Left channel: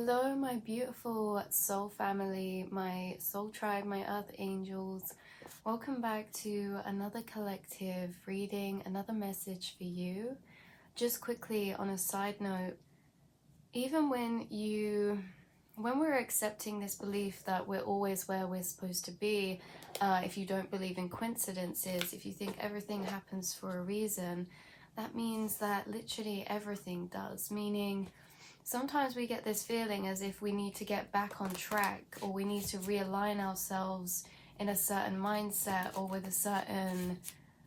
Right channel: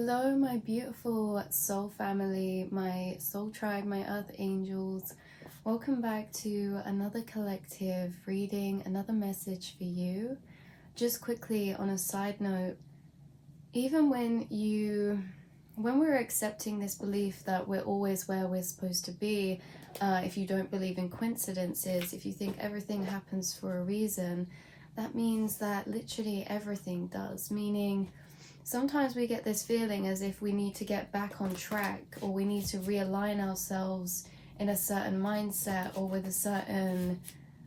Hello, my beautiful soul family, my soul tribe, my earth angels. Welcome back to another collective reading, another message for you. Just quickly on a side note, even when we're accepting this belief that we're always where we're supposed to be, if you don't believe in coincidences, if you think everything happens for a reason, that means that literally everything does, meaning sometimes we get this feeling as if we need to get back on track, or we need to realign ourselves in a certain mindset or with a certain,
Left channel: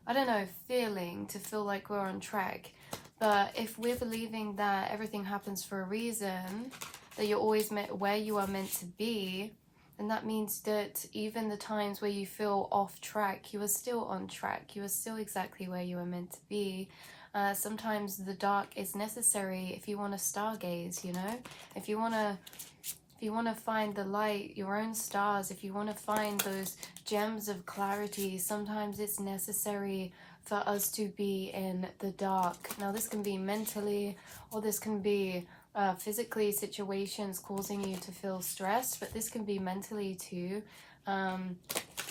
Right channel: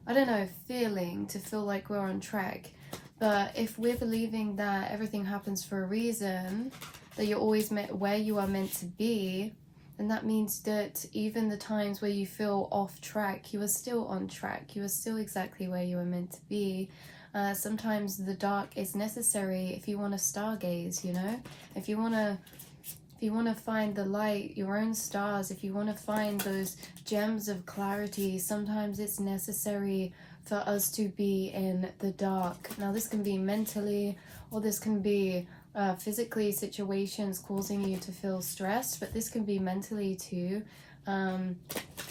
I don't know, feeling to feel like we're on track. But if we're believing that everything happens for a reason, that you're always where you are meant to be, then that means that even the times where you feel off track, you are still on track. You are still exactly where you are meant to be. Sometimes the dark is necessary if you want to stargaze, you know? If you want to find the light, your own stars, if you want to find those gems of clarity, sometimes it's necessary for us to be in the dark. Now, this can be mentally, or this can be physically, situations causing you to feel stressed, but this can be mentally too.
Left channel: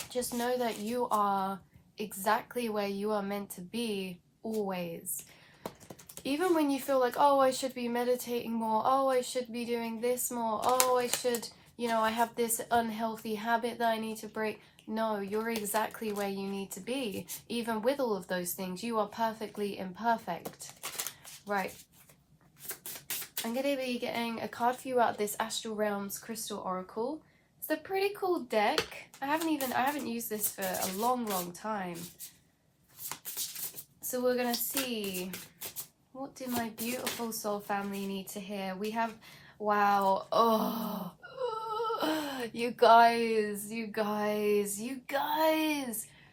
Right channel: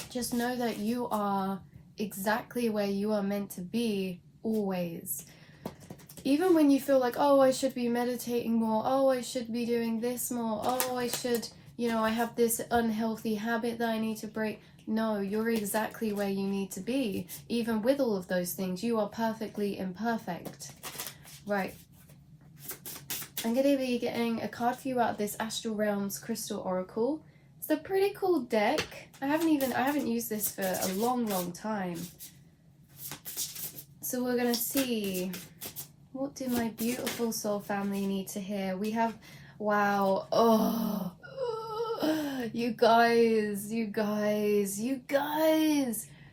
Just know that you are exactly where you are meant to be, always. Even when you feel like, oh, I should be meditating more, oh, I should be doing this more, oh, I should, I have this unhealthy habit that I need to break. No, you're exactly where you need to be. Even with all of those things, you are perfectly imperfect. Right. I'm going to be getting a card for you out of this Astral Realms Crystal Oracle. It's a pretty cool deck. I haven't used this for a long time. So we're going to see, what do my beautiful soul family need to hear? We have, wow, oh, you guys,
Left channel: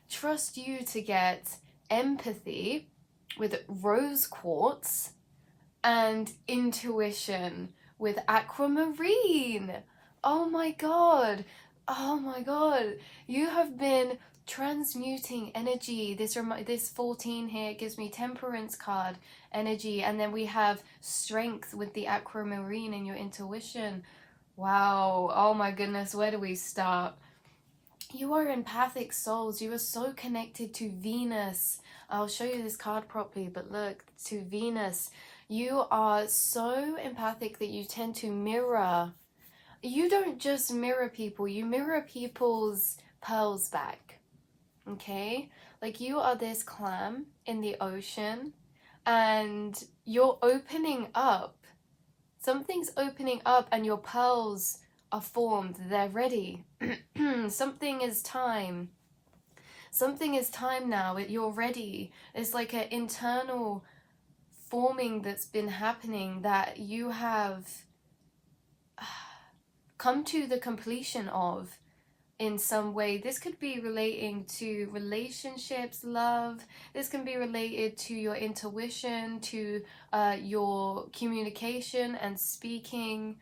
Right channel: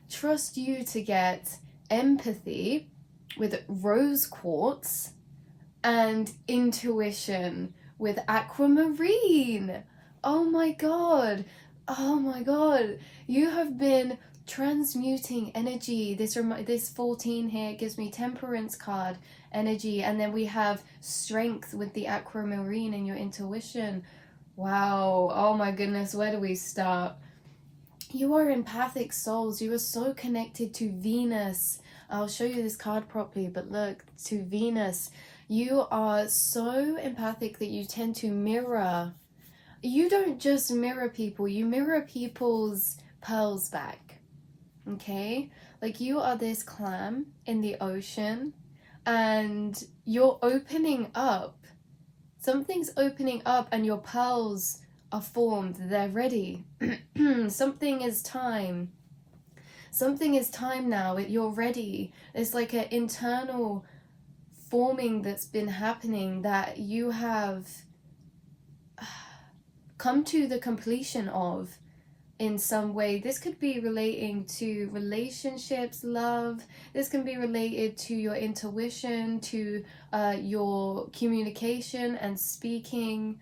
trust you to get empathy with rose quartz and intuition with aquamarine. Oh my god, you have been transmuting energy. This 14 here gives me temperance card energy, and then we have strength with the aquamarine and your intuition. Wow, oh my goodness, where do we start? You are empathic souls. You are so connected to Venus. I'll show you this card properly, but look, to Venus. You are so empathic that you tend to mirror. You don't just mirror people, you mirror people's pearls back. Okay, like you are this clam in the ocean and you're opening up. Something's opening up and your pearls are formed. They're ready. Something is time now. You're ready. It's like an internal forming that's been happening that you have come to the completion of in some way. This could be relating to relationships, love. This can be related to your intuition, to your communication and speaking.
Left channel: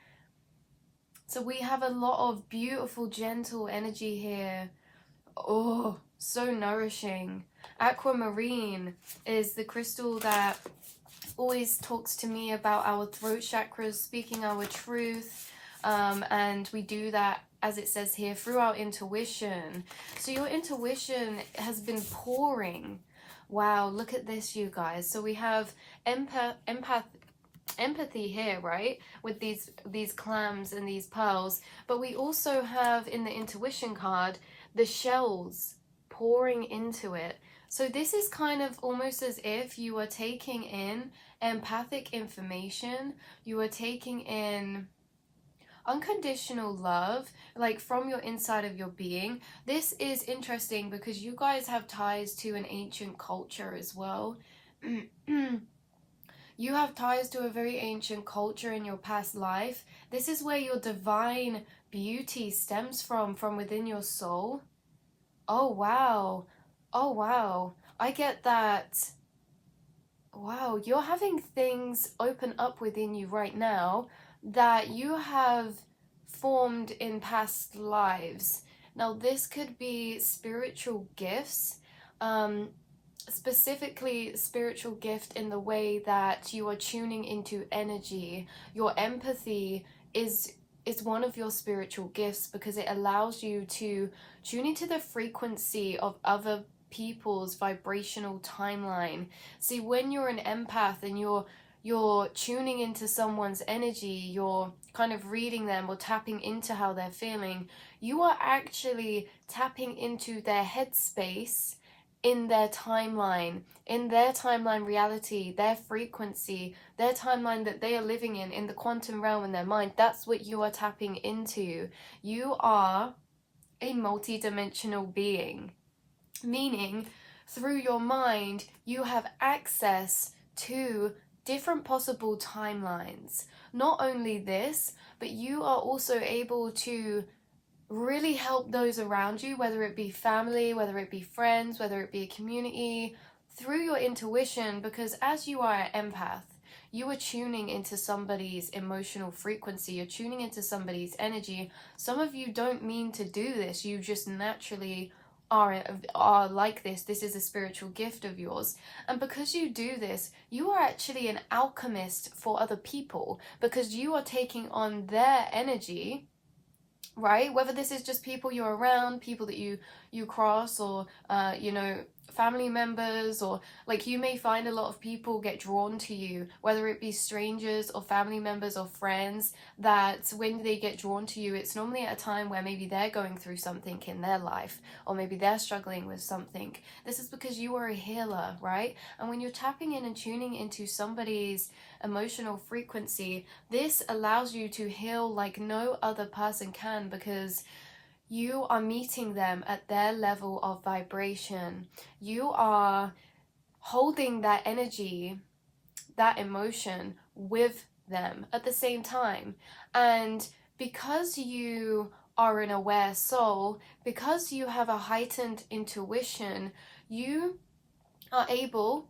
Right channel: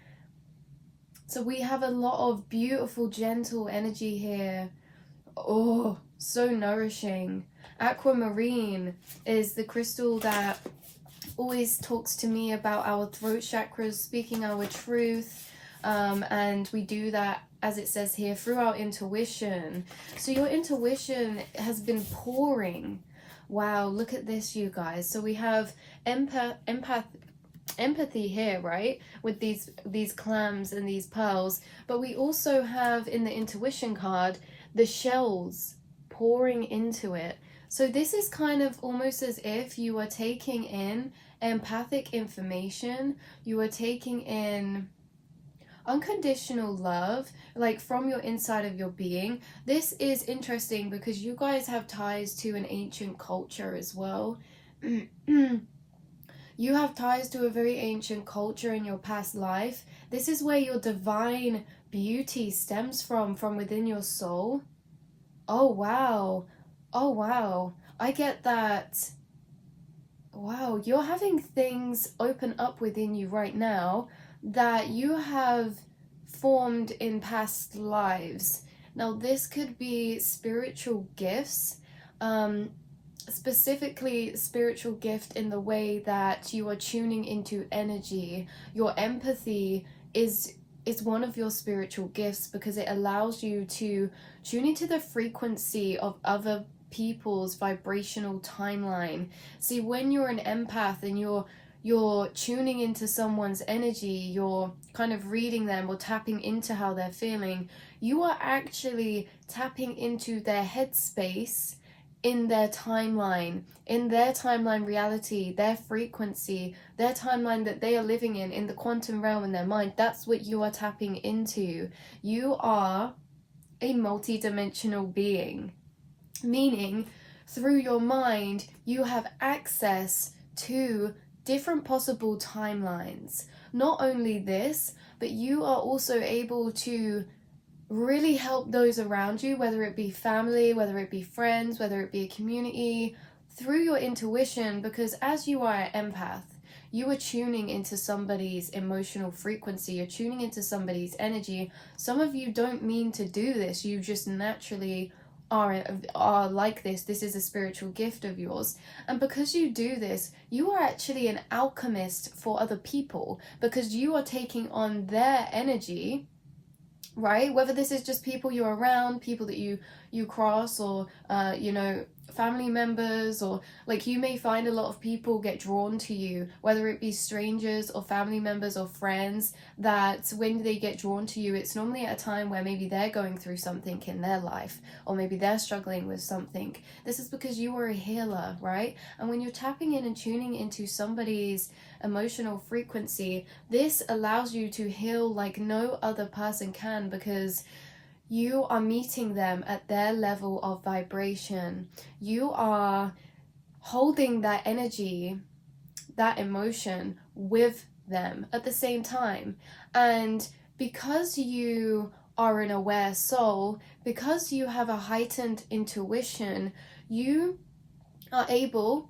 So we have a lot of beautiful, gentle energy here. Oh, so nourishing. Aquamarine is the crystal that always talks to me about our throat chakras, speaking our truth. And we do that, as it says here, through our intuition. So your intuition has been pouring. Wow, look at this, you guys. So we have empathy here, right, with these clams and these pearls, but we also have in the intuition card the shells pouring into it. So this is kind of almost as if you are taking in empathic information, you are taking in unconditional love, like from your inside of your being. This is interesting because you guys have ties to an ancient culture as well. You have ties to a very ancient culture in your past life. This is where your divine beauty stems from within your soul. Oh wow, oh wow, I get that. Wow, you're having things open up within you right now that you have formed in past lives. Now this could be spiritual gifts, specifically spiritual gift in the way that you are tuning into energy. Your empathy is one of your spiritual gifts, because it allows you to tune into the frequency of other people's vibrational timeline. See, when you're an empath and you're tuning into someone's energy, you're kind of reading them or tapping into how they're feeling, you are actually tapping into their headspace in their timeline, reality, their frequency, their timeline that they are living in the quantum realm in their mind. That's what you are tapping into. You are a multi-dimensional being, meaning through your mind you have access to different possible timelines. Not only this, but you are also able to really help those around you, whether it be family, whether it be friends, whether it be a community, through your intuition, because as you are an empath, you are tuning into somebody's emotional frequency, you're tuning into somebody's energy. Some of you don't mean to do this, you just naturally are like this. This is a spiritual gift of yours, and because you do this, you are actually an alchemist for other people, because you are taking on their energy, right? Whether this is just people you're around, people that you cross, or you know, family members, or like you may find a lot of people get drawn to you, whether it be strangers or family members or friends, that when they get drawn to you, it's normally at a time where maybe they're going through something in their life, or maybe they're struggling with something. This is because you are a healer, right? And when you're tapping in and tuning into somebody's emotional frequency, this allows you to heal like no other person can, because you are meeting them at their level of vibration. You are holding that energy, that emotion with them at the same time. And because you are an aware soul, because you have a heightened intuition, you are able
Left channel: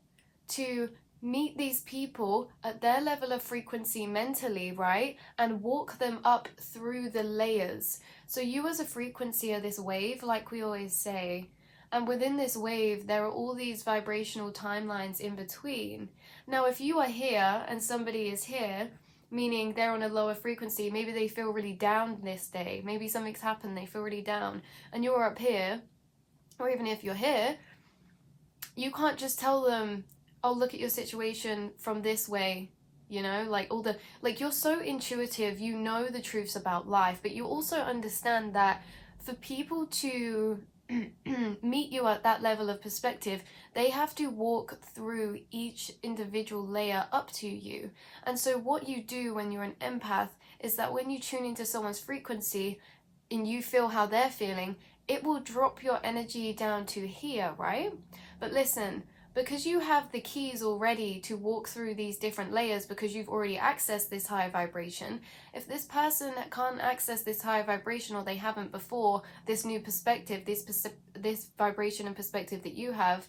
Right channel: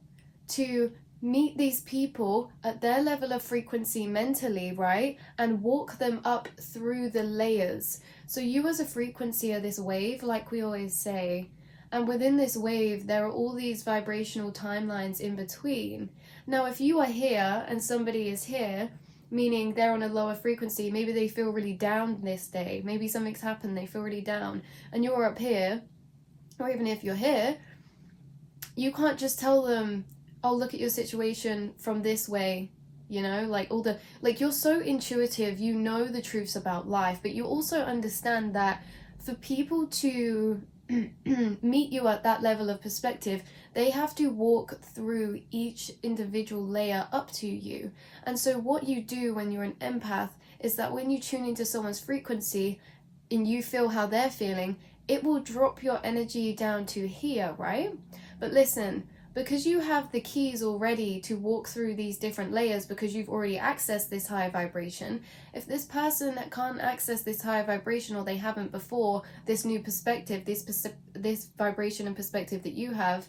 to meet these people at their level of frequency mentally, right? And walk them up through the layers. So you as a frequency are this wave, like we always say, and within this wave there are all these vibrational timelines in between. Now if you are here and somebody is here, meaning they're on a lower frequency, maybe they feel really down this day, maybe something's happened, they feel really down, and you're up here, or even if you're here, you can't just tell them, oh, look at your situation from this way, you know, like all the, like, you're so intuitive, you know the truths about life, but you also understand that for people to meet you at that level of perspective, they have to walk through each individual layer up to you. And so what you do when you're an empath is that when you tune into someone's frequency and you feel how they're feeling, it will drop your energy down to here, right? But listen, because you have the keys already to walk through these different layers, because you've already accessed this higher vibration, if this person can't access this higher vibration, or they haven't before, this new perspective, this vibration and perspective that you have,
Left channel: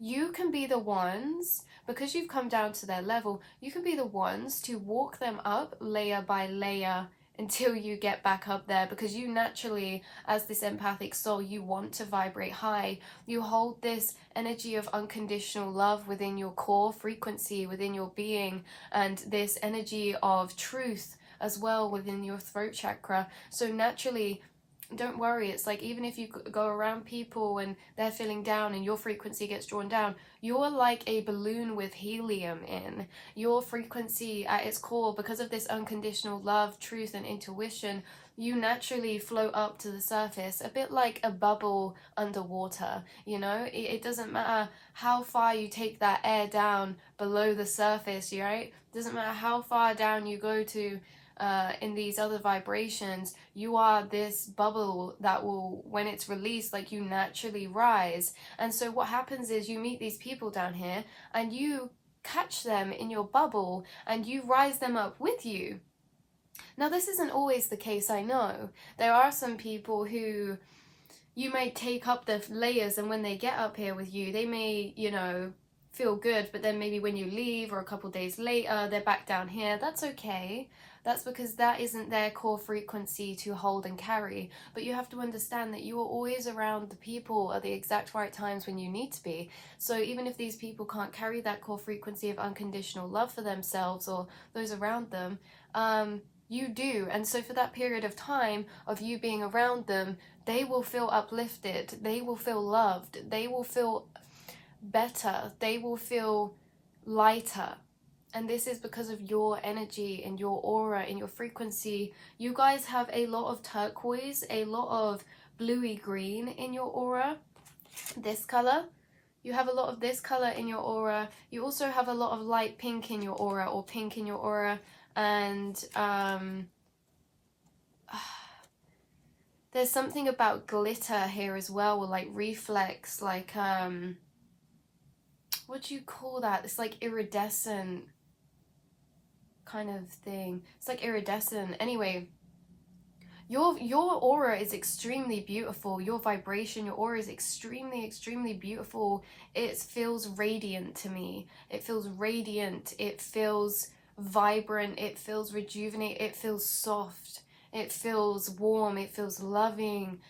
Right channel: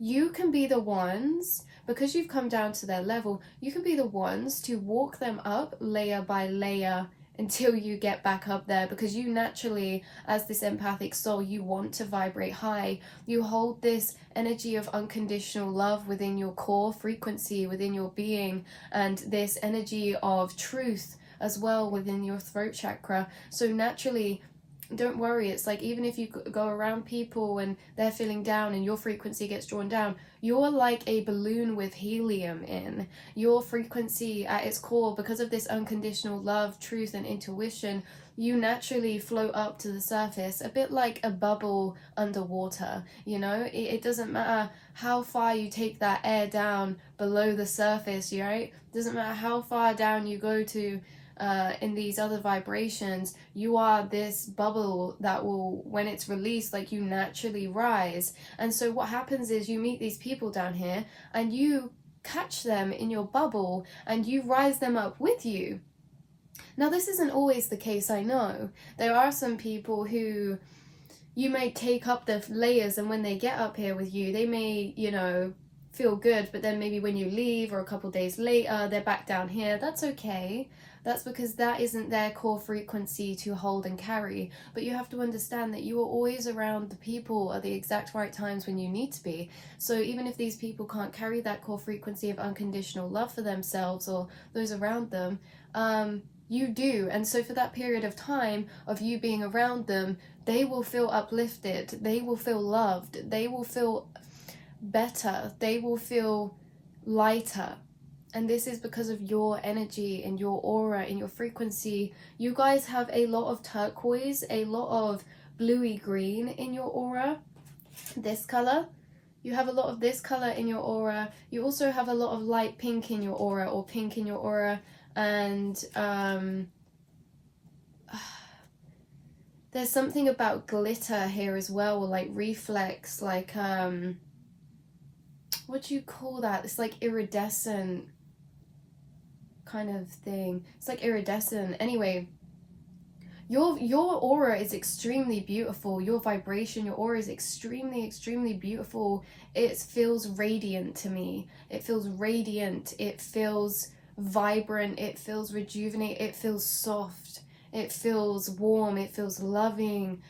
you can be the ones, because you've come down to their level, you can be the ones to walk them up layer by layer until you get back up there, because you naturally, as this empathic soul, you want to vibrate high. You hold this energy of unconditional love within your core frequency, within your being, and this energy of truth as well within your throat chakra. So naturally, don't worry, it's like even if you go around people and they're feeling down and your frequency gets drawn down, you're like a balloon with helium in. Your frequency at its core, because of this unconditional love, truth and intuition, you naturally float up to the surface, a bit like a bubble underwater, you know? It doesn't matter how far you take that air down below the surface, right? It doesn't matter how far down you go to in these other vibrations, you are this bubble that will, when it's released, like, you naturally rise. And so what happens is you meet these people down here and you catch them in your bubble and you rise them up with you. Now this isn't always the case, I know. There are some people who you may take up the layers, and when they get up here with you, they may, you know, feel good, but then maybe when you leave or a couple days later, they're back down here. That's okay. That's because that isn't their core frequency to hold and carry. But you have to understand that you are always around the people at the exact right times when you need to be. So even if these people can't carry that core frequency of unconditional love for themselves or those around them, You do. And so for that period of time of you being around them, they will feel uplifted, they will feel loved, they will feel better, they will feel lighter. And this is because of your energy and your aura and your frequency. You guys have a lot of turquoise, a lot of bluey green in your aura. This color, you have a lot of this color in your aura. You also have a lot of light pink in your aura, or pink in your aura. And there's something about glitter here as well, or like reflex, like what do you call that? It's like iridescent kind of thing. It's like iridescent. Anyway, your aura is extremely beautiful. Your vibration, your aura is extremely beautiful. It feels radiant to me. It feels radiant. It feels vibrant. It feels rejuvenate. It feels soft. It feels warm. It feels loving.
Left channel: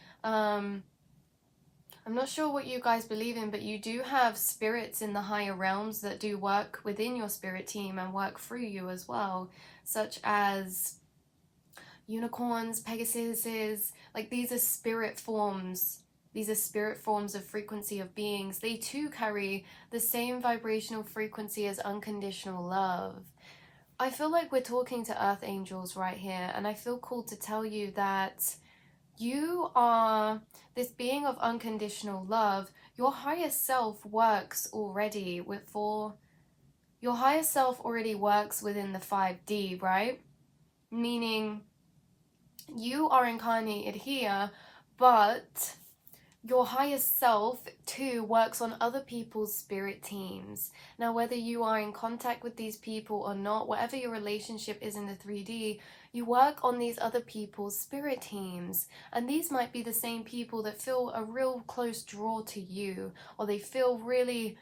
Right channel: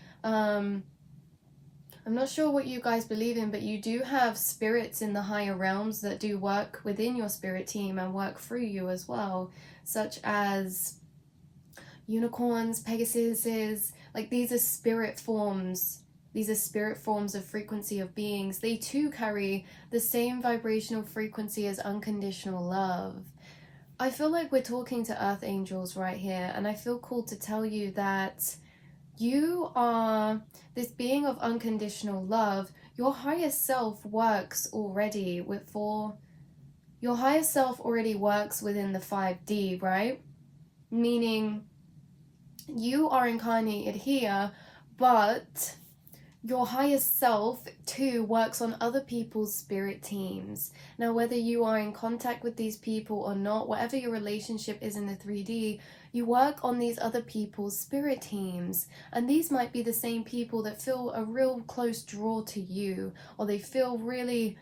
I'm not sure what you guys believe in, but you do have spirits in the higher realms that do work within your spirit team and work through you as well, such as unicorns, Pegasuses. Like, these are spirit forms. These are spirit forms of frequency of beings. They too carry the same vibrational frequency as unconditional love. I feel like we're talking to earth angels right here, and I feel called to tell you that you are this being of unconditional love. Your higher self works already your higher self already works within the 5D, right? Meaning you are incarnated here, but your highest self too works on other people's spirit teams. Now, whether you are in contact with these people or not, whatever your relationship is in the 3D, you work on these other people's spirit teams. And these might be the same people that feel a real close draw to you, or they feel really,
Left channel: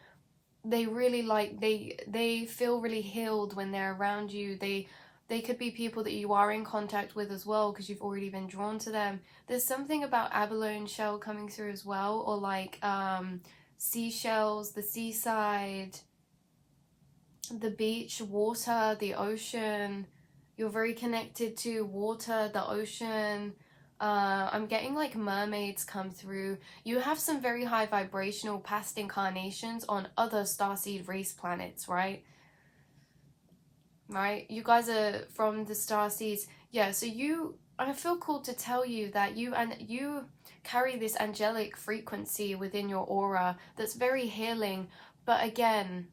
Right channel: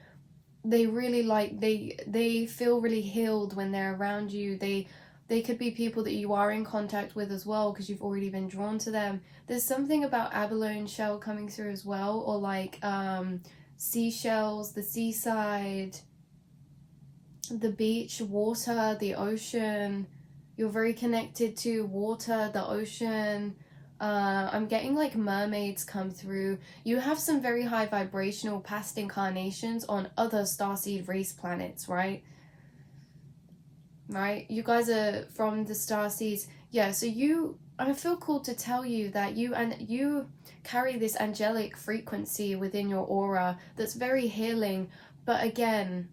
they feel really healed when they're around you. They could be people that you are in contact with as well, because you've already been drawn to them. There's something about abalone shell coming through as well, or like seashells, the seaside, the beach, water, the ocean. You're very connected to water, the ocean. I'm getting like mermaids come through. You have some very high vibrational past incarnations on other starseed race planets, right? Right, you guys are from the starseeds. Yeah, so I feel called to tell you that you carry this angelic frequency within your aura that's very healing. But again,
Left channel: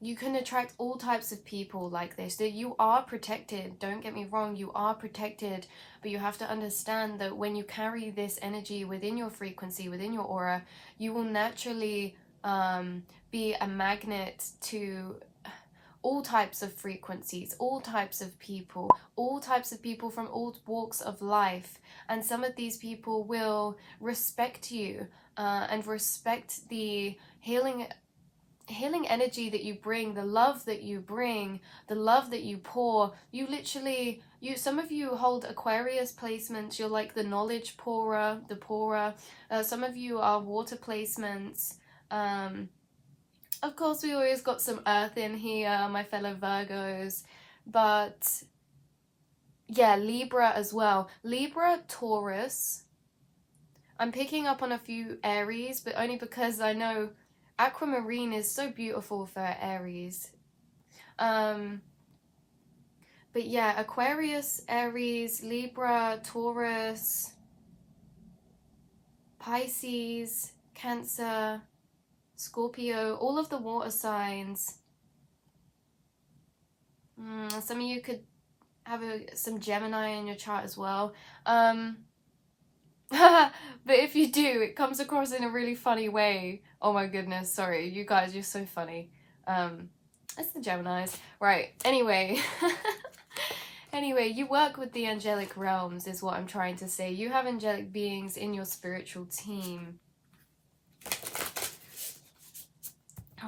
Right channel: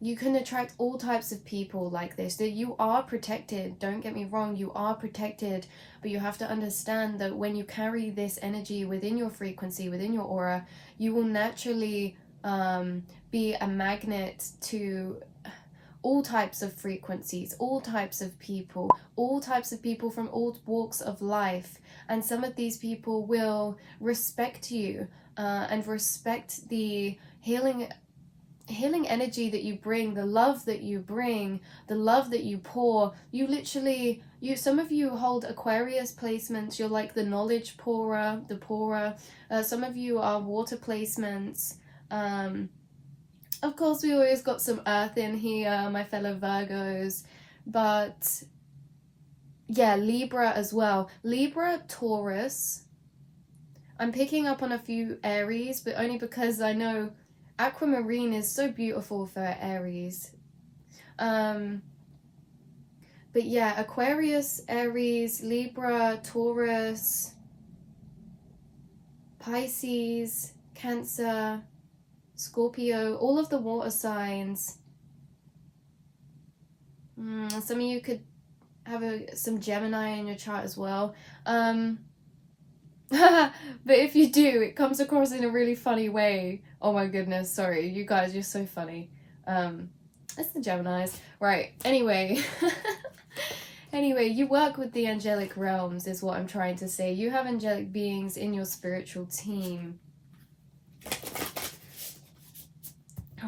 you can attract all types of people like this. That you are protected, don't get me wrong, you are protected, but you have to understand that when you carry this energy within your frequency, within your aura, you will naturally be a magnet to all types of frequencies, all types of people from all walks of life. And some of these people will respect you and respect the healing energy that you bring, the love that you bring, the love that you pour. Some of you hold Aquarius placements. You're like the knowledge pourer, the pourer. Some of you are water placements. Of course, we always got some earth in here, my fellow Virgos. But yeah, Libra as well. Libra, Taurus. I'm picking up on a few Aries, but only because I know aquamarine is so beautiful for Aries. But yeah, Aquarius, Aries, Libra, Taurus, Pisces, Cancer, Scorpio, all of the water signs. Some of you could have some Gemini in your chart as well. But if you do, it comes across in a really funny way. Oh my goodness, sorry. You guys, you're so funny. It's the Geminis. Right, anyway. Anyway, you work with the angelic realms is what I'm trying to say. You have angelic beings in your spiritual team.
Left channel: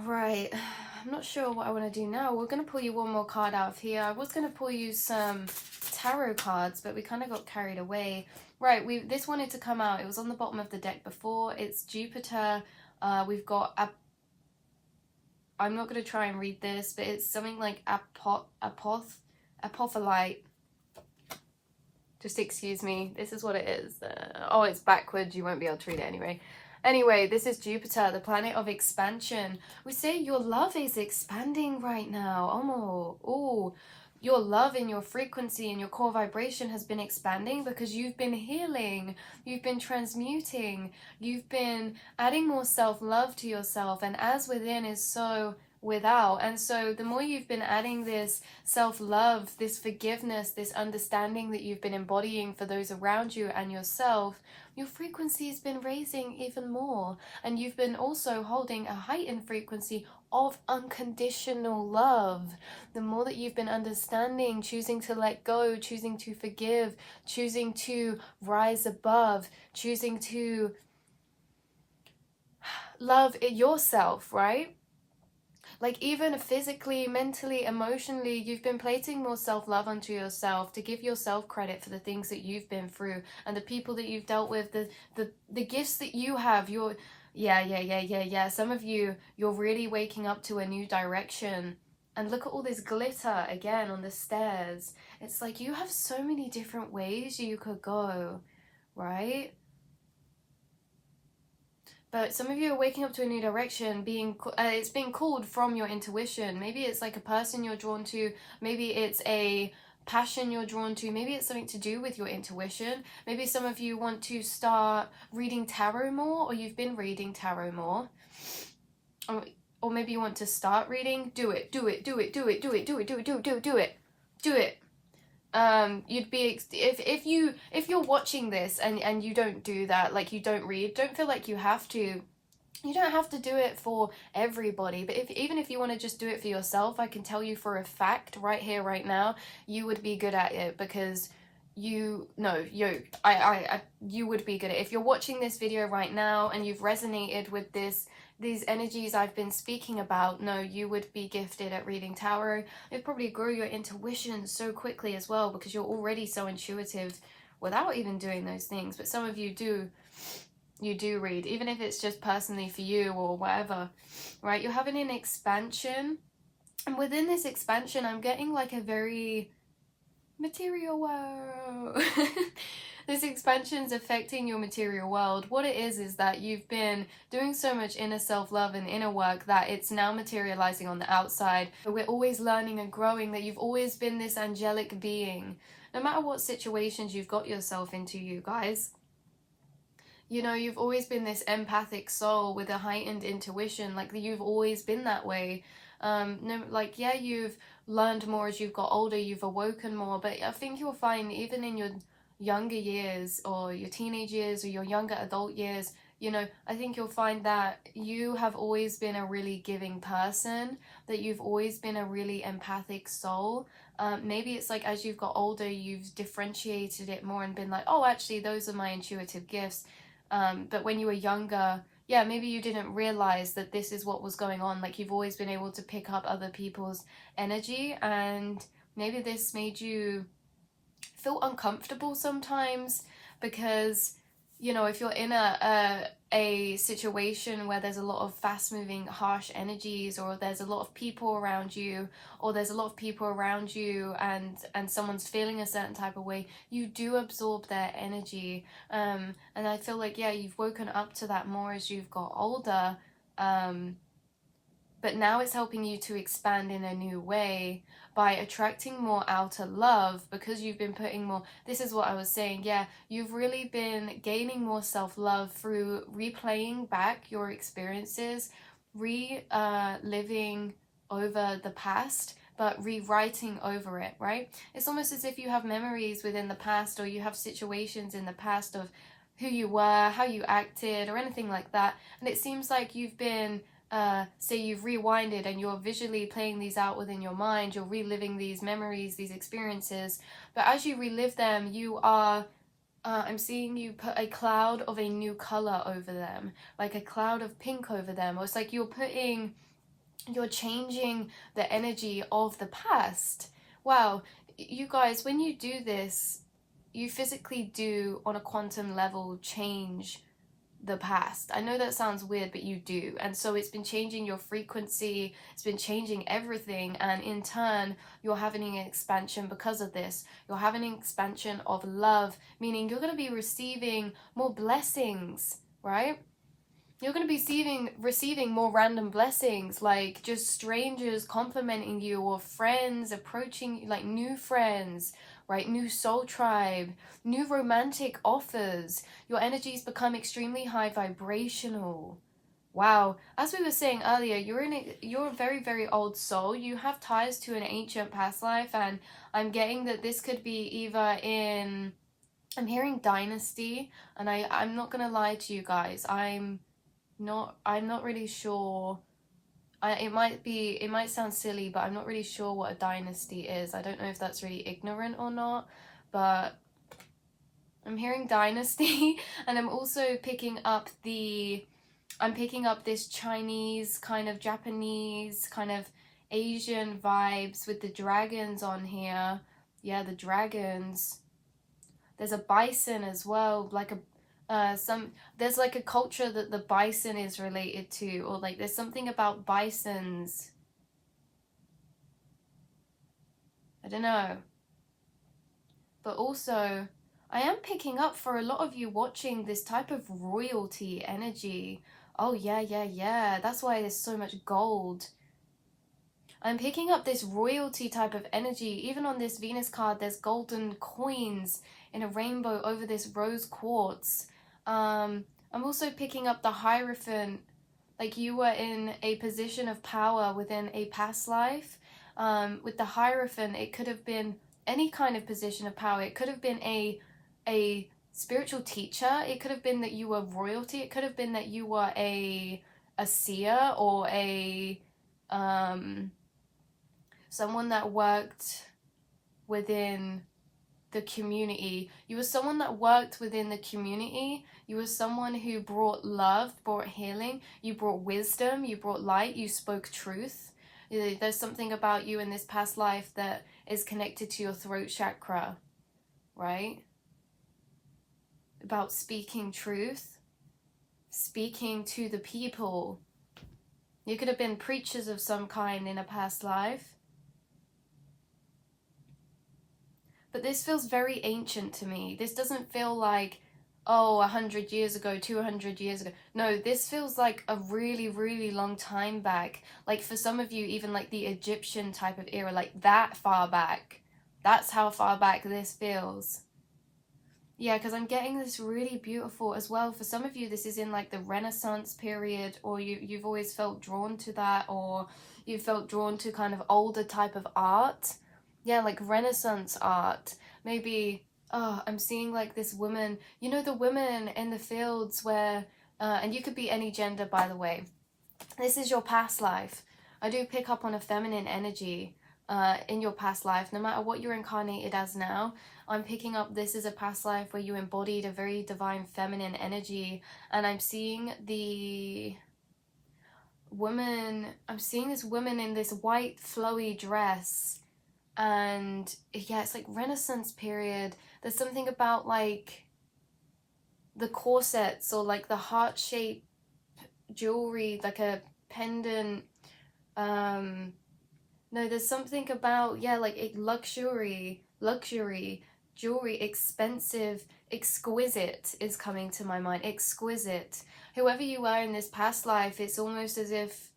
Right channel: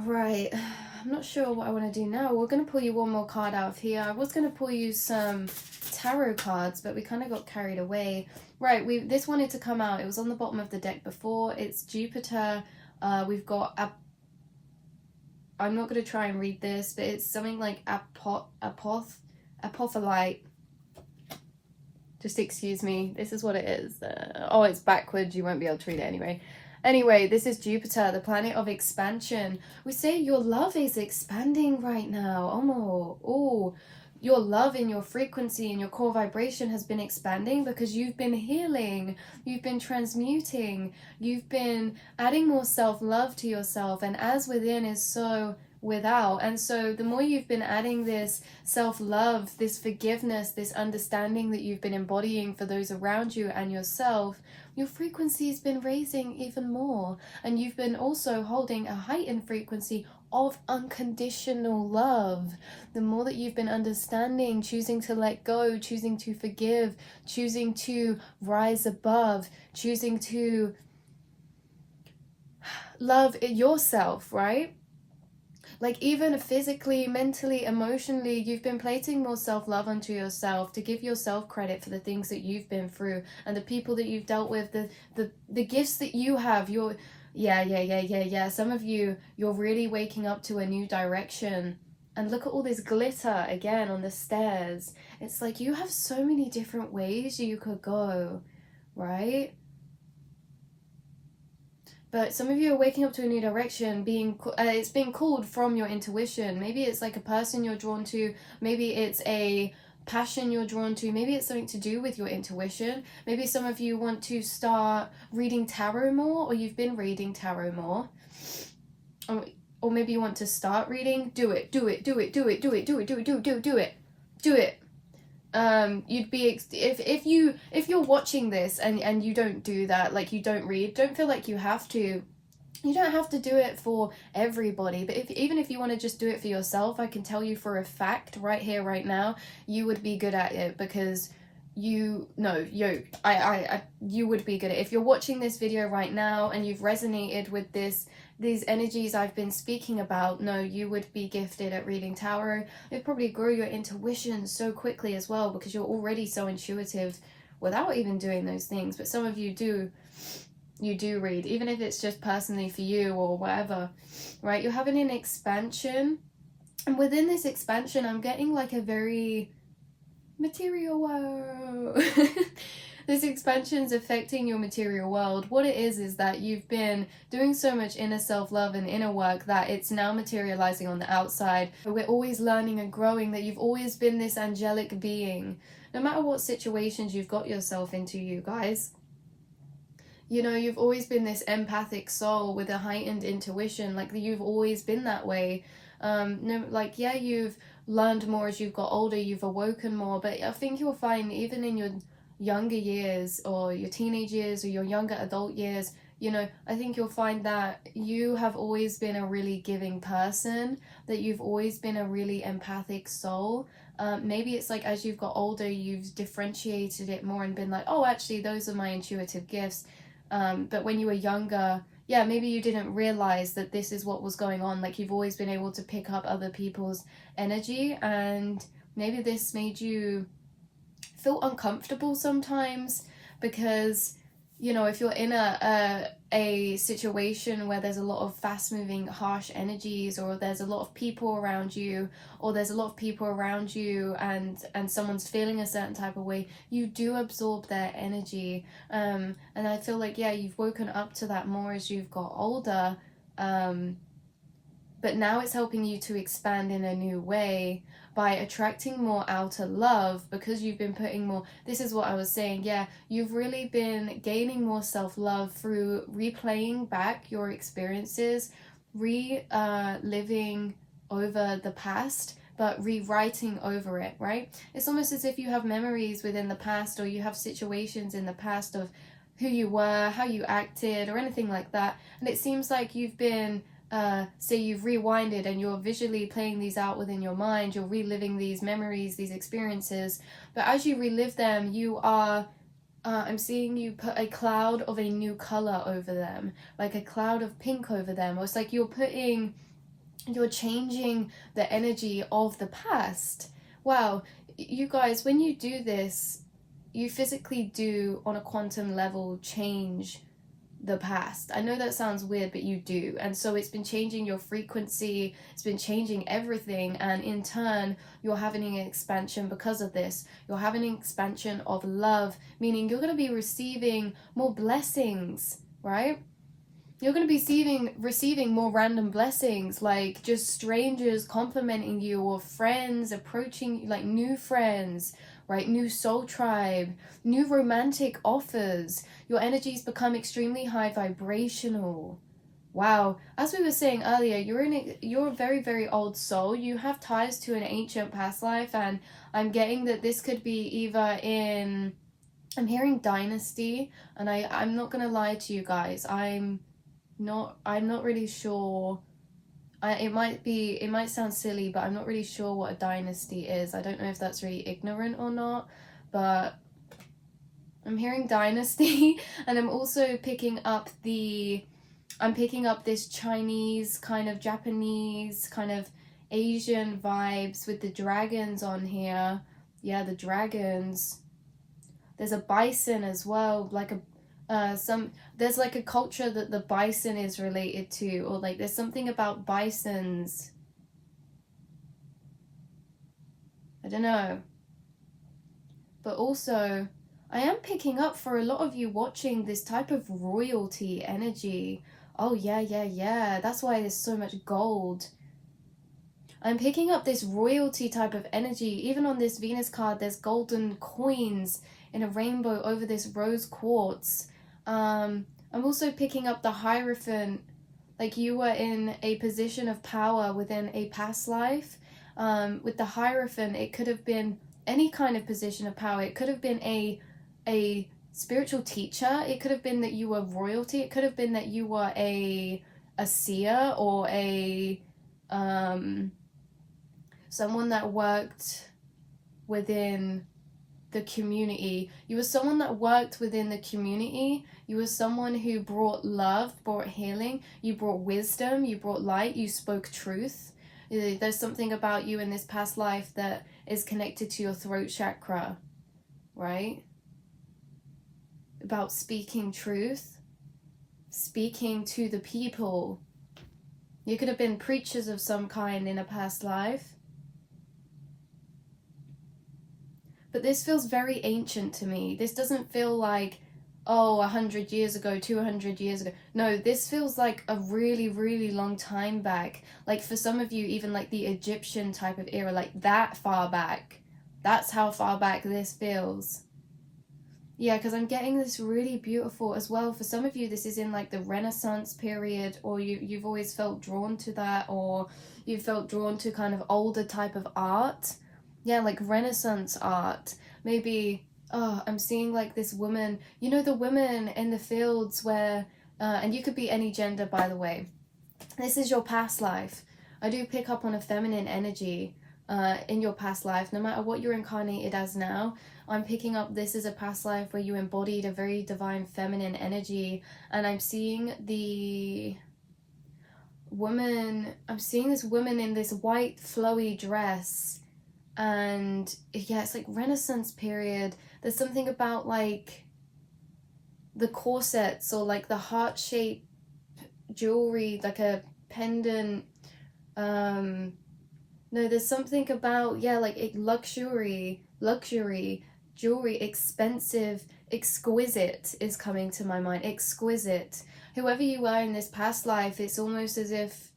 Right, I'm not sure what I want to do now. We're going to pull you one more card out of here. I was going to pull you some tarot cards, but we kind of got carried away. Right, this wanted to come out. It was on the bottom of the deck before. It's Jupiter. We've got I'm not going to try and read this, but it's something like apoth. apophyllite. Just excuse me, this is what it is. Oh, it's backwards, you won't be able to read it anyway. Anyway, this is Jupiter, the planet of expansion. We say your love is expanding right now. Oh, your love and your frequency and your core vibration has been expanding because you've been healing, you've been transmuting, you've been adding more self-love to yourself, and as within is so without. And so the more you've been adding this self-love, this forgiveness, this understanding that you've been embodying for those around you and yourself, your frequency has been raising even more, and you've been also holding a heightened frequency of unconditional love. The more that you've been understanding, choosing to let go, choosing to forgive, choosing to rise above, choosing to love yourself, right? Like even physically, mentally, emotionally, you've been placing more self-love onto yourself to give yourself credit for the things that you've been through and the people that you've dealt with, the gifts that you have. Yeah. Some of you, you're really waking up to a new direction. And look at all this glitter again on the stairs. It's like you have so many different ways you could go, right? But some of you are waking up to a new direction, it's being called from your intuition. Maybe it's like a person you're drawn to, maybe it's a passion you're drawn to, maybe it's something to do with your intuition. Maybe some of you want to start reading tarot more, or you've been reading tarot more. Or maybe you want to start reading. Do it. You'd be if you're watching this and you don't do that, like you don't read, don't feel like you have to. You don't have to do it for everybody, but even if you want to just do it for yourself, I can tell you for a fact right here right now you would be good at it, because you would be good at it. If you're watching this video right now and you've resonated with these energies I've been speaking about, no, you would be gifted at reading tarot. It'd probably grow your intuition so quickly as well, because you're already so intuitive without even doing those things. But some of you do read, even if it's just personally for you or whatever, right? You're having an expansion, and within this expansion I'm getting like a very material world. This expansion is affecting your material world. What it is that you've been doing so much inner self-love and inner work that it's now materializing on the outside. We're always learning and growing, that you've always been this angelic being. No matter what situations you've got yourself into, you guys, you know, you've always been this empathic soul with a heightened intuition. Like you've always been that way. You've learned more as you've got older, you've awoken more, but I think you'll find even in your younger years or your teenage years or your younger adult years, you know, I think you'll find that you have always been a really giving person, that you've always been a really empathic soul. Maybe it's like as you've got older, you've differentiated it more and been like, oh, actually, those are my intuitive gifts. But when you were younger, yeah, maybe you didn't realize that this is what was going on. Like you've always been able to pick up other people's energy, and maybe this made you feel uncomfortable sometimes, because, you know, if you're in a situation where there's a lot of fast moving harsh energies, or there's a lot of people around you, and someone's feeling a certain type of way, you do absorb their energy. And I feel like, yeah, you've woken up to that more as you've got older, but now it's helping you to expand in a new way by attracting more outer love, because you've been putting more, this is what I was saying, yeah, you've really been gaining more self-love through replaying back your experiences, living over the past, but rewriting over it, right? It's almost as if you have memories within the past, or you have situations in the past of who you were, how you acted, or anything like that, and it seems like you've been say you've rewinded and you're visually playing these out within your mind, you're reliving these memories, these experiences, but as you relive them, you are I'm seeing you put a cloud of a new color over them, like a cloud of pink over them, or it's like you're changing the energy of the past. Wow, you guys, when you do this, you physically do on a quantum level change the past. I know that sounds weird, but you do. And so it's been changing your frequency, it's been changing everything, and in turn you're having an expansion because of this. You're having an expansion of love, meaning you're going to be receiving more blessings, right? You're going to be receiving more random blessings, like just strangers complimenting you, or friends approaching, like new friends, right? New soul tribe, new romantic offers. Your energies become extremely high vibrational. Wow. As we were saying earlier, you're a very, very old soul. You have ties to an ancient past life, and I'm getting that this could be either in, I'm hearing dynasty, and I'm not going to lie to you guys. I'm not really sure. It might sound silly, but I'm not really sure what a dynasty is. I don't know if that's really ignorant or not, but I'm hearing dynasty. And I'm also picking up this Chinese kind of, Japanese kind of, Asian vibes with the dragons on here. Yeah, the dragons. There's a bison as well, like there's like a culture that the bison is related to, or like there's something about bisons. I don't know. But also, I am picking up for a lot of you watching this type of royalty energy. Oh yeah. That's why there's so much gold. I'm picking up this royalty type of energy. Even on this Venus card, there's golden coins in a rainbow over this rose quartz. I'm also picking up the Hierophant, like you were in a position of power within a past life. With the Hierophant, it could have been any kind of position of power. It could have been a spiritual teacher. It could have been that you were royalty. It could have been that you were a seer, or a someone that worked within the community. You were someone that worked within the community. You were someone who brought love, brought healing, you brought wisdom, you brought light, you spoke truth. There's something about you in this past life that is connected to your throat chakra, right? About speaking truth, speaking to the people. You could have been preachers of some kind in a past life. But this feels very ancient to me. This doesn't feel like, oh, 100 years ago, 200 years ago. No, this feels like a really, really long time back. Like for some of you, even like the Egyptian type of era, like that far back. That's how far back this feels. Yeah, because I'm getting this really beautiful as well. For some of you, this is in like the Renaissance period, or you've always felt drawn to that, or you felt drawn to kind of older type of art. Yeah, like Renaissance art. Maybe, oh, I'm seeing like this woman, you know, the women in the fields where, and you could be any gender, by the way. This is your past life. I do pick up on a feminine energy in your past life, no matter what you're incarnated as now. I'm picking up this is a past life where you embodied a very divine feminine energy, and I'm seeing the woman, I'm seeing this woman in this white flowy dress, and yeah, it's like Renaissance period. There's something about like the corsets, or like the heart-shaped jewelry, like a pendant. No, there's something about, yeah, like luxury jewelry, expensive, exquisite is coming to my mind. Exquisite. Whoever you are in this past life, it's almost as if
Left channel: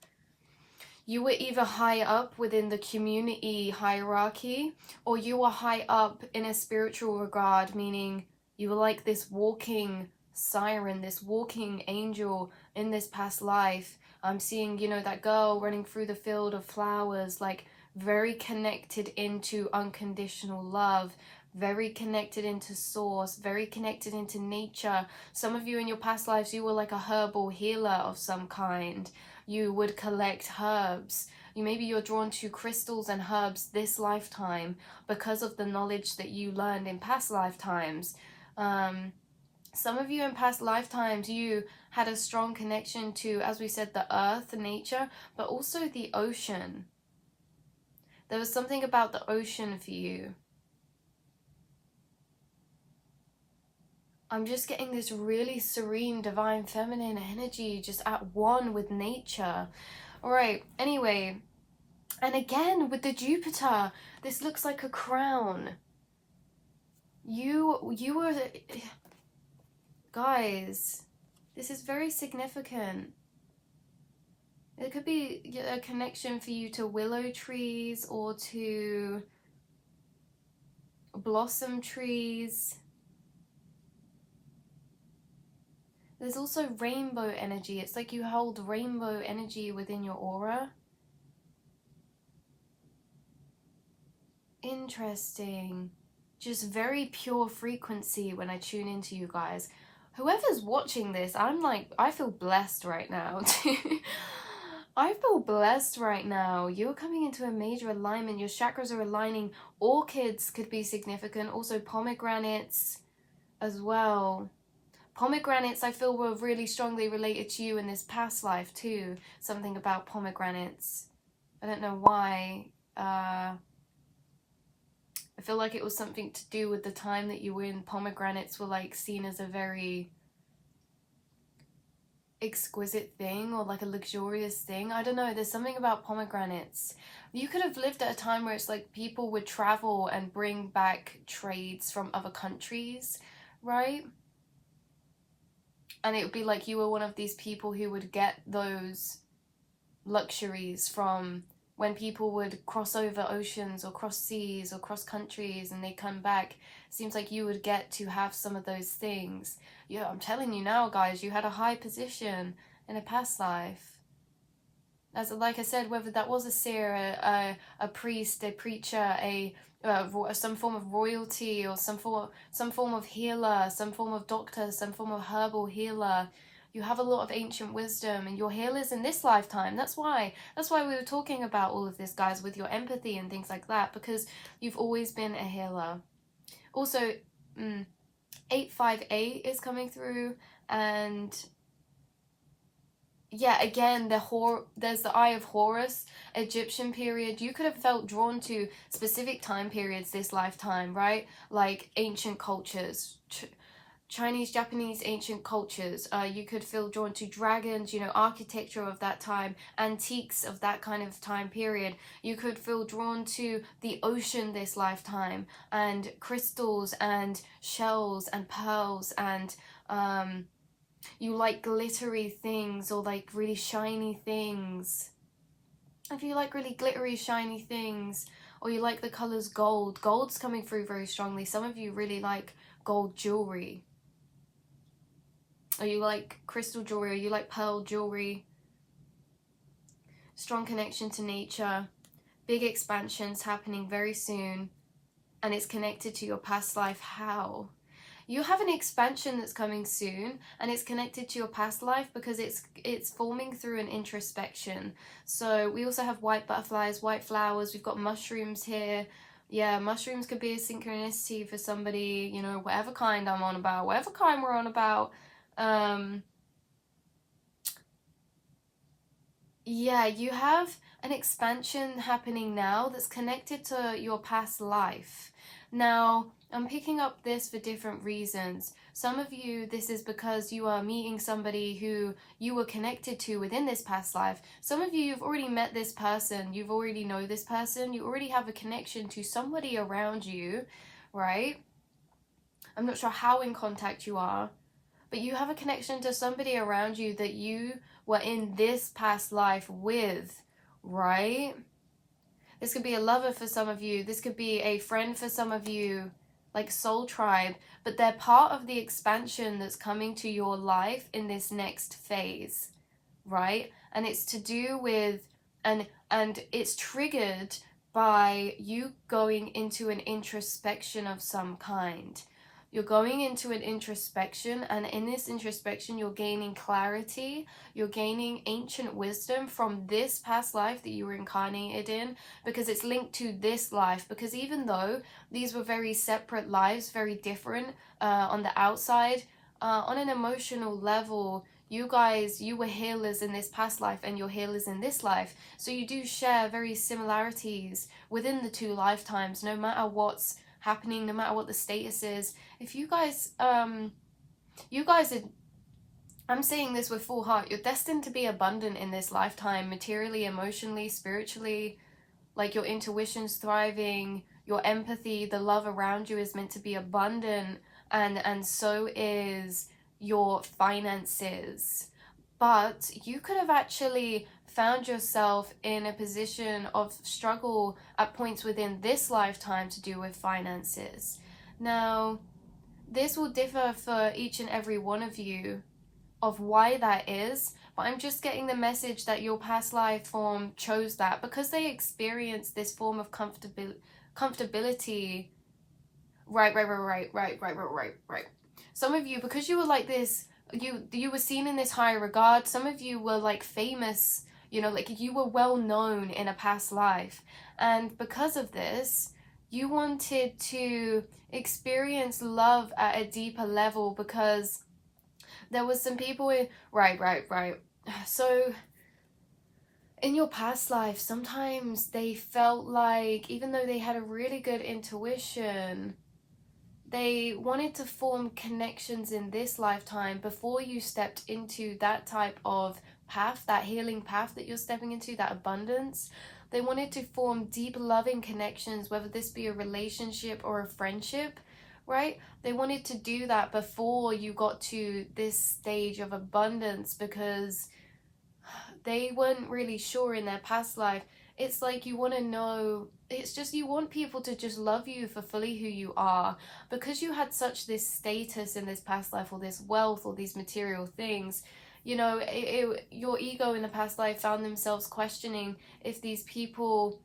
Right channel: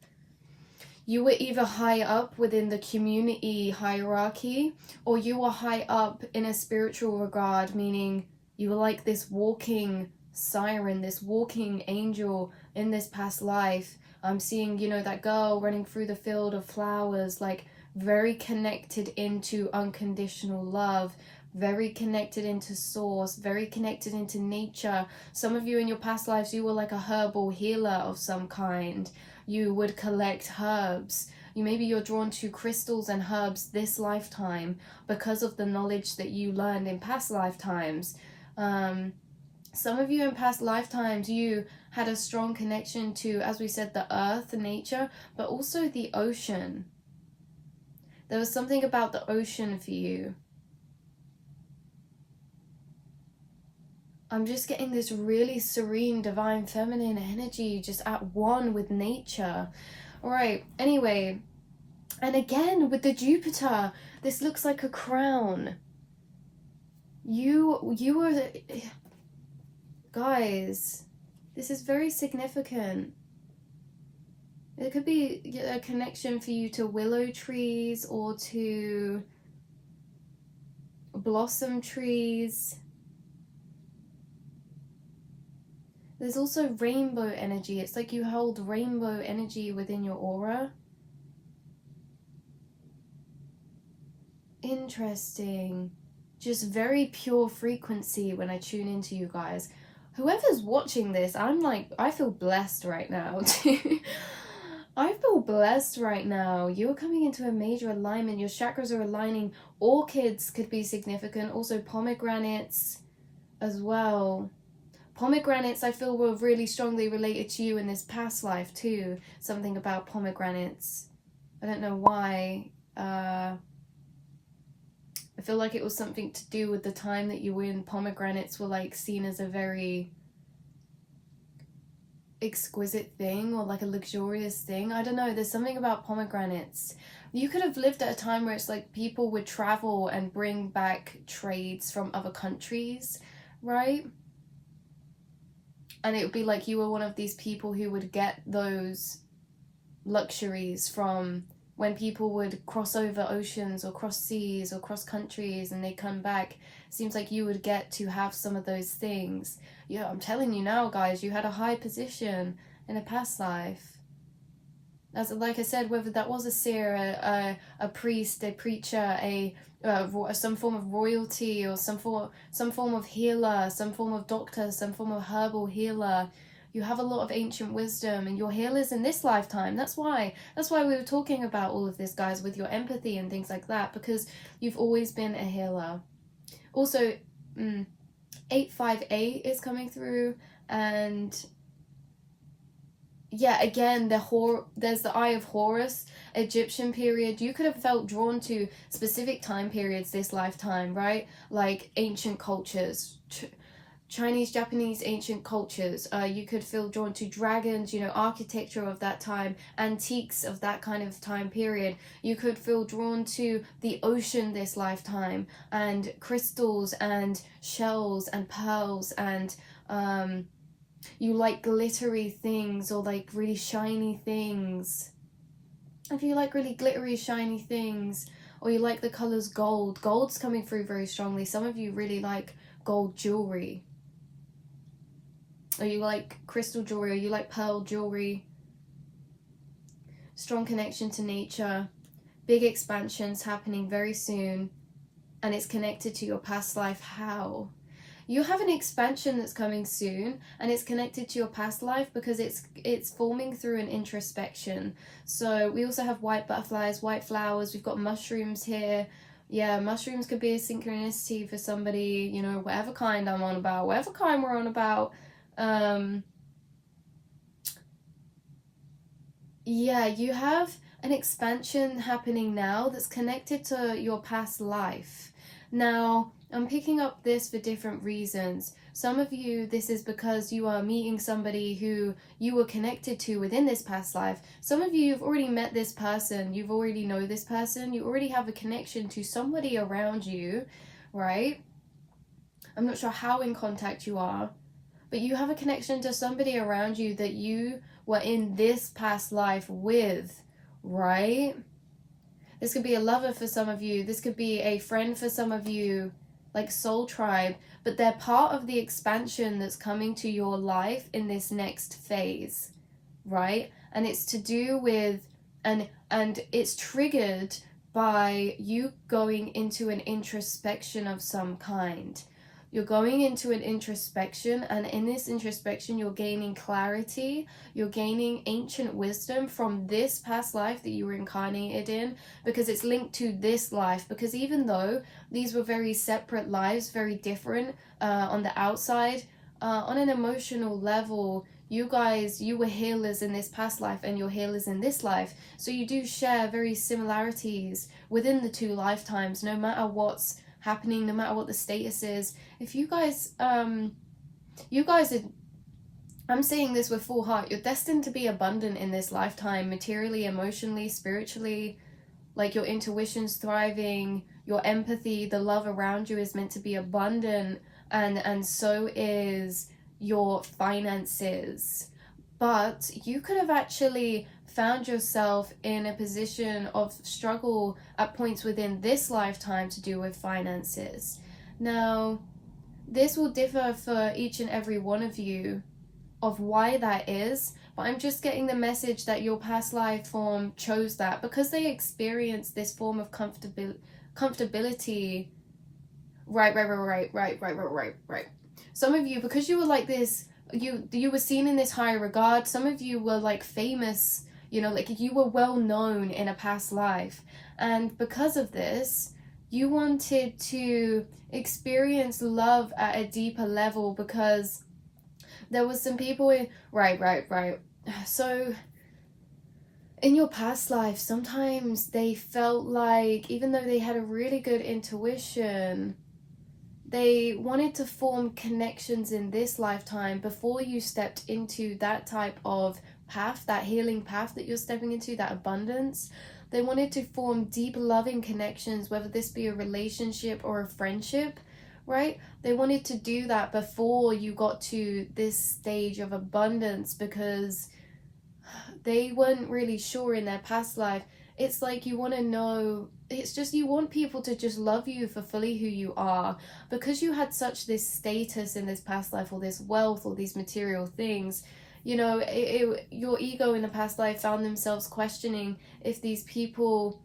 you were either high up within the community hierarchy, or you were high up in a spiritual regard, meaning you were like this walking siren, this walking angel in this past life. I'm seeing, you know, that girl running through the field of flowers, like very connected into unconditional love, very connected into source, very connected into nature. Some of you in your past lives, you were like a herbal healer of some kind. You would collect herbs. Maybe you're drawn to crystals and herbs this lifetime because of the knowledge that you learned in past lifetimes. Some of you in past lifetimes, you had a strong connection to, as we said, the earth, nature, but also the ocean. There was something about the ocean for you. I'm just getting this really serene, divine, feminine energy just at one with nature. All right, anyway, and again with the Jupiter, this looks like a crown. You are, guys, this is very significant. It could be a connection for you to willow trees or to blossom trees. There's also rainbow energy. It's like you hold rainbow energy within your aura. Interesting. Just very pure frequency when I tune into you guys. Whoever's watching this, I feel blessed right now. I feel blessed right now. You're coming into a major alignment. Your chakras are aligning. Orchids could be significant. Also pomegranates as well. Pomegranates, I feel, were really strongly related to you in this past life too. Something about pomegranates. I don't know why. I feel like it was something to do with the time that you were in. Pomegranates were like seen as a very exquisite thing, or like a luxurious thing. I don't know, there's something about pomegranates. You could have lived at a time where it's like people would travel and bring back trades from other countries, right? And it would be like you were one of these people who would get those luxuries from when people would cross over oceans or cross seas or cross countries and they come back. Seems like you would get to have some of those things. Yeah, I'm telling you now, guys, you had a high position in a past life. As like I said, whether that was a seer, a priest, a preacher, some form of royalty, or some form of healer, some form of doctor, some form of herbal healer. You have a lot of ancient wisdom, and your healers in this lifetime. That's why we were talking about all of this, guys, with your empathy and things like that, because you've always been a healer. Also, 858 is coming through, and yeah, again, there's the Eye of Horus, Egyptian period. You could have felt drawn to specific time periods this lifetime, right? Like ancient cultures, Chinese, Japanese ancient cultures. You could feel drawn to dragons, you know, architecture of that time, antiques of that kind of time period. You could feel drawn to the ocean this lifetime, and crystals and shells and pearls, and you like glittery things or like really shiny things. If you like really glittery, shiny things, or you like the colors gold, gold's coming through very strongly. Some of you really like gold jewelry, or you like crystal jewelry, or you like pearl jewelry. Strong connection to nature, big expansions happening very soon, and it's connected to your past life. How? You have an expansion that's coming soon, and it's connected to your past life because it's forming through an introspection. So we also have white butterflies, white flowers. We've got mushrooms here. Yeah, mushrooms could be a synchronicity for somebody, you know, whatever kind I'm on about, whatever kind we're on about. Yeah, you have an expansion happening now that's connected to your past life. Now, I'm picking up this for different reasons. Some of you, this is because you are meeting somebody who you were connected to within this past life. Some of you, you've already met this person. You've already know this person. You already have a connection to somebody around you, right? I'm not sure how in contact you are, but you have a connection to somebody around you that you were in this past life with, right? This could be a lover for some of you. This could be a friend for some of you, like soul tribe, but they're part of the expansion that's coming to your life in this next phase, right? And it's to do with, and it's triggered by you going into an introspection of some kind. You're going into an introspection, and in this introspection, you're gaining clarity, you're gaining ancient wisdom from this past life that you were incarnated in, because it's linked to this life. Because even though these were very separate lives, very different on the outside, on an emotional level, you were healers in this past life and you're healers in this life. So you do share very similarities within the two lifetimes, no matter what's happening, no matter what the status is. If you guys you guys are, I'm saying this with full heart, you're destined to be abundant in this lifetime, materially, emotionally, spiritually. Like your intuition's thriving, your empathy, the love around you is meant to be abundant, and so is your finances. But you could have actually found yourself in a position of struggle at points within this lifetime to do with finances. Now, this will differ for each and every one of you of why that is, but I'm just getting the message that your past life form chose that because they experienced this form of comfortability. Right. Some of you, because you were like this, you were seen in this high regard. Some of you were like famous, you know, like you were well known in a past life, and because of this, you wanted to experience love at a deeper level because there was some people in, right. So in your past life, sometimes they felt like, even though they had a really good intuition, they wanted to form connections in this lifetime before you stepped into that type of path, that healing path that you're stepping into, that abundance. They wanted to form deep, loving connections, whether this be a relationship or a friendship, right? They wanted to do that before you got to this stage of abundance because they weren't really sure in their past life. It's like you want to know, it's just you want people to just love you for fully who you are because you had such this status in this past life, or this wealth, or these material things. You know, your ego in the past life found themselves questioning if these people,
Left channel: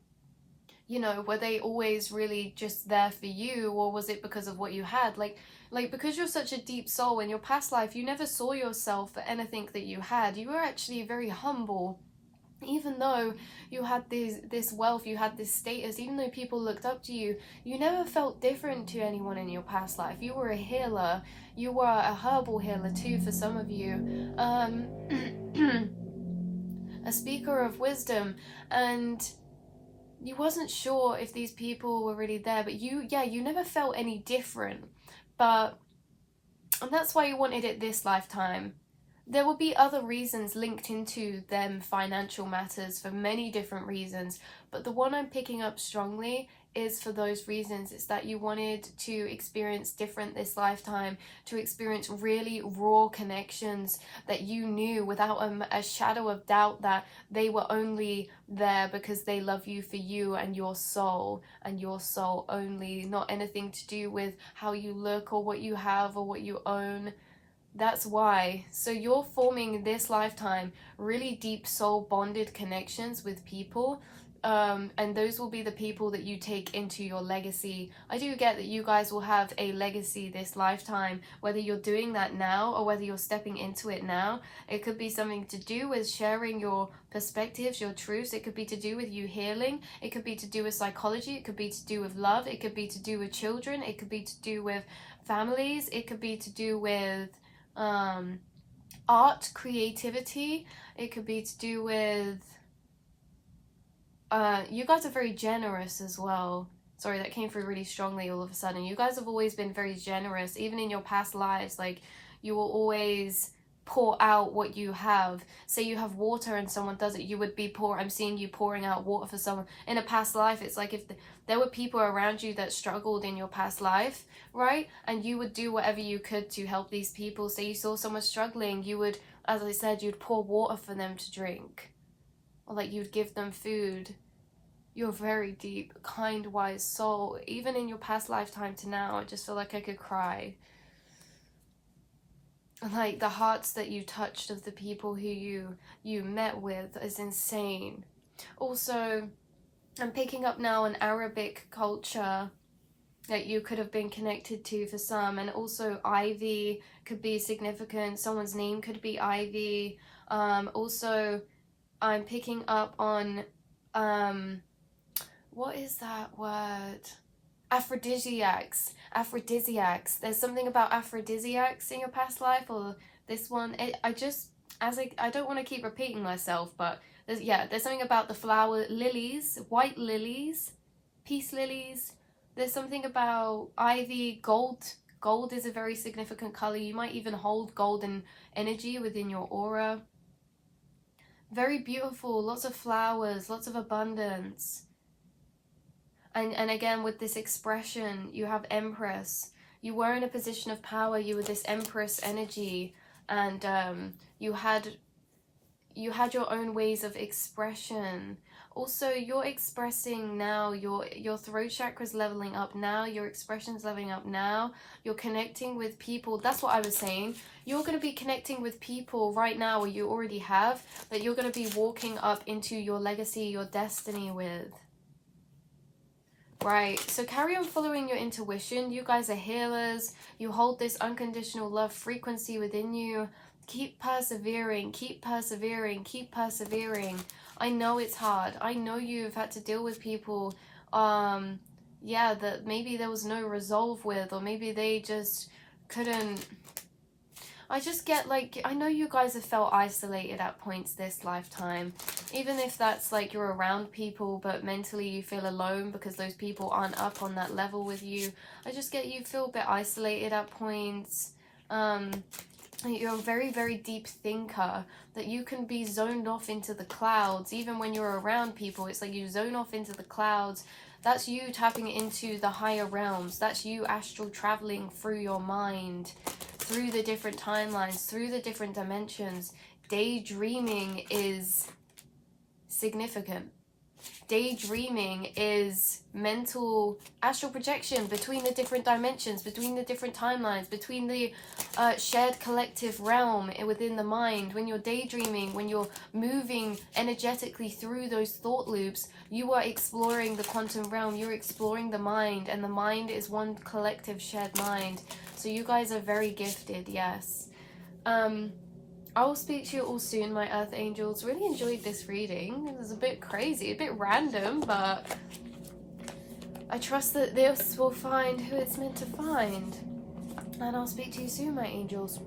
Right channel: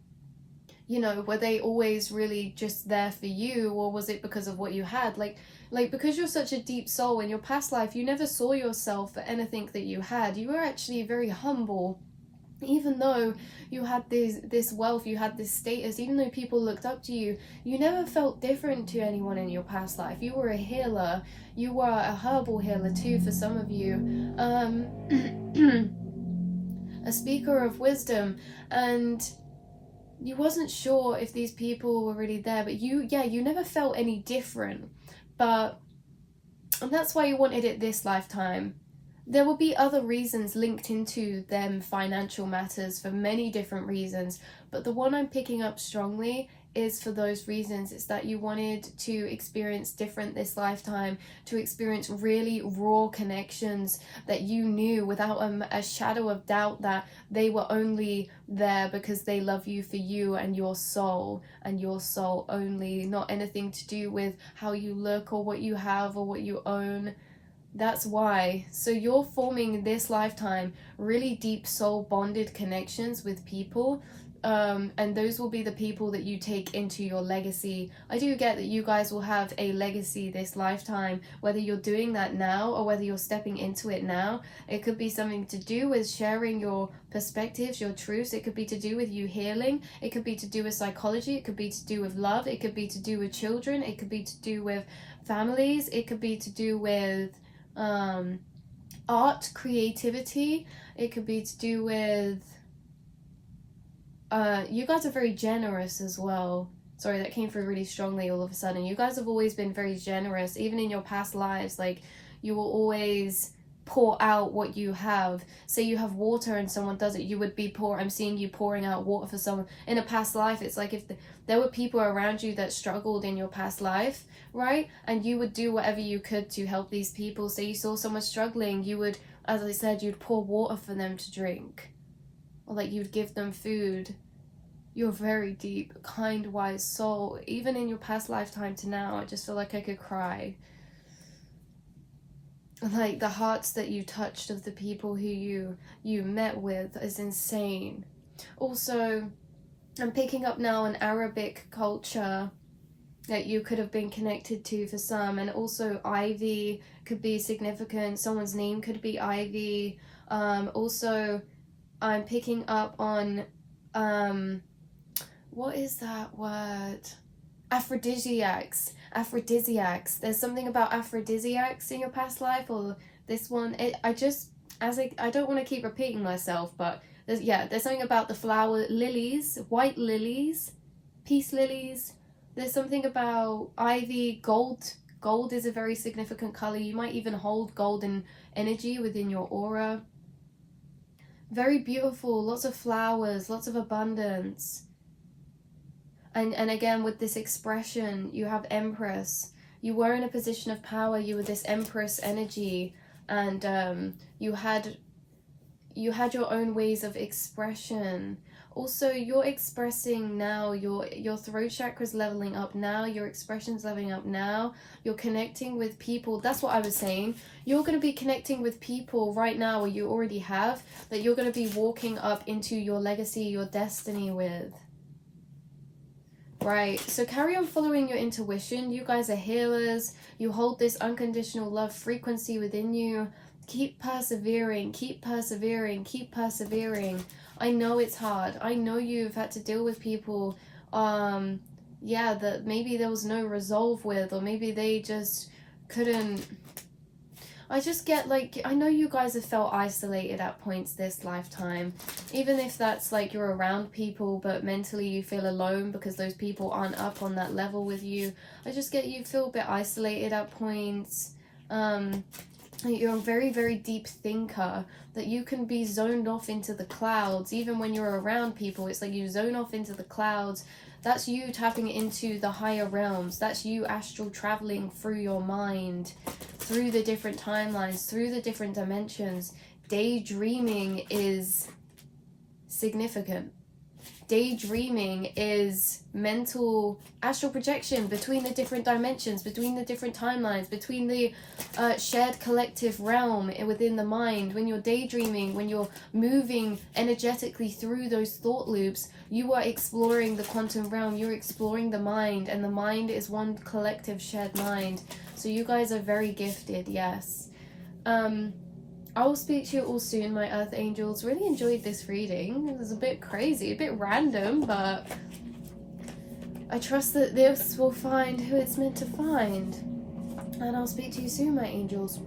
you know, were they always really just there for you, or was it because of what you had? Like because you're such a deep soul in your past life, you never saw yourself for anything that you had. You were actually very humble. Even though you had this wealth, you had this status, even though people looked up to you, you never felt different to anyone in your past life. You were a healer. You were a herbal healer too for some of you. A speaker of wisdom, and you wasn't sure if these people were really there, but you never felt any different. And that's why you wanted it this lifetime. There will be other reasons linked into them financial matters for many different reasons, but the one I'm picking up strongly is for those reasons. It's that you wanted to experience different this lifetime, to experience really raw connections that you knew without a shadow of doubt that they were only there because they love you for you and your soul only, not anything to do with how you look or what you have or what you own. That's why. So you're forming this lifetime really deep soul bonded connections with people, and those will be the people that you take into your legacy. I do get that you guys will have a legacy this lifetime, whether you're doing that now or whether you're stepping into it now. It could be something to do with sharing your perspectives, your truths. It could be to do with you healing. It could be to do with psychology. It could be to do with love. It could be to do with children. It could be to do with families. It could be to do with art, creativity. It could be to do with you guys are very generous as well. Sorry, that came through really strongly all of a sudden. You guys have always been very generous, even in your past lives. Like, you will always pour out what you have. Say you have water and someone does it, you would be I'm seeing you pouring out water for someone in a past life. It's like if there were people around you that struggled in your past life, right, and you would do whatever you could to help these people. Say you saw someone struggling, you would, as I said, you'd pour water for them to drink, or like you'd give them food. You're a very deep, kind, wise soul. Even in your past lifetime to now, I just feel like I could cry. Like, the hearts that you touched of the people who you met with is insane. Also, I'm picking up now an Arabic culture that you could have been connected to for some, and also Ivy could be significant. Someone's name could be Ivy. Also, I'm picking up on what is that word? Aphrodisiacs. There's something about aphrodisiacs in your past life, or this one. I don't want to keep repeating myself, but there's something about the flower lilies, white lilies, peace lilies. There's something about ivy, gold Gold is a very significant color. You might even hold golden energy within your aura. Very beautiful, lots of flowers, lots of abundance. And again, with this expression, you have Empress. You were in a position of power. You were this Empress energy, and you had your own ways of expression. Also, you're expressing now, your throat chakra's leveling up now, your expression's leveling up now, you're connecting with people. That's what I was saying. You're going to be connecting with people right now, or you already have, that you're going to be walking up into your legacy, your destiny with. Right, so carry on following your intuition. You guys are healers. You hold this unconditional love frequency within you. Keep persevering, keep persevering, keep persevering. I know it's hard. I know you've had to deal with people, yeah, that maybe there was no resolve with, or maybe they just couldn't. I just get like, I know you guys have felt isolated at points this lifetime, even if that's like you're around people, but mentally you feel alone because those people aren't up on that level with you. I just get you feel a bit isolated at points. You're a very, very deep thinker, that you can be zoned off into the clouds. Even when you're around people, it's like you zone off into the clouds. That's you tapping into the higher realms. That's you astral traveling through your mind, through the different timelines, through the different dimensions. Daydreaming is significant. Daydreaming is mental astral projection between the different dimensions, between the different timelines, between the shared collective realm within the mind. When you're daydreaming, when you're moving energetically through those thought loops, you are exploring the quantum realm, you're exploring the mind, and the mind is one collective shared mind. So you guys are very gifted, yes. I will speak to you all soon, my Earth Angels. Really enjoyed this reading. It was a bit crazy, a bit random, but I trust that this will find who it's meant to find. And I'll speak to you soon, my angels.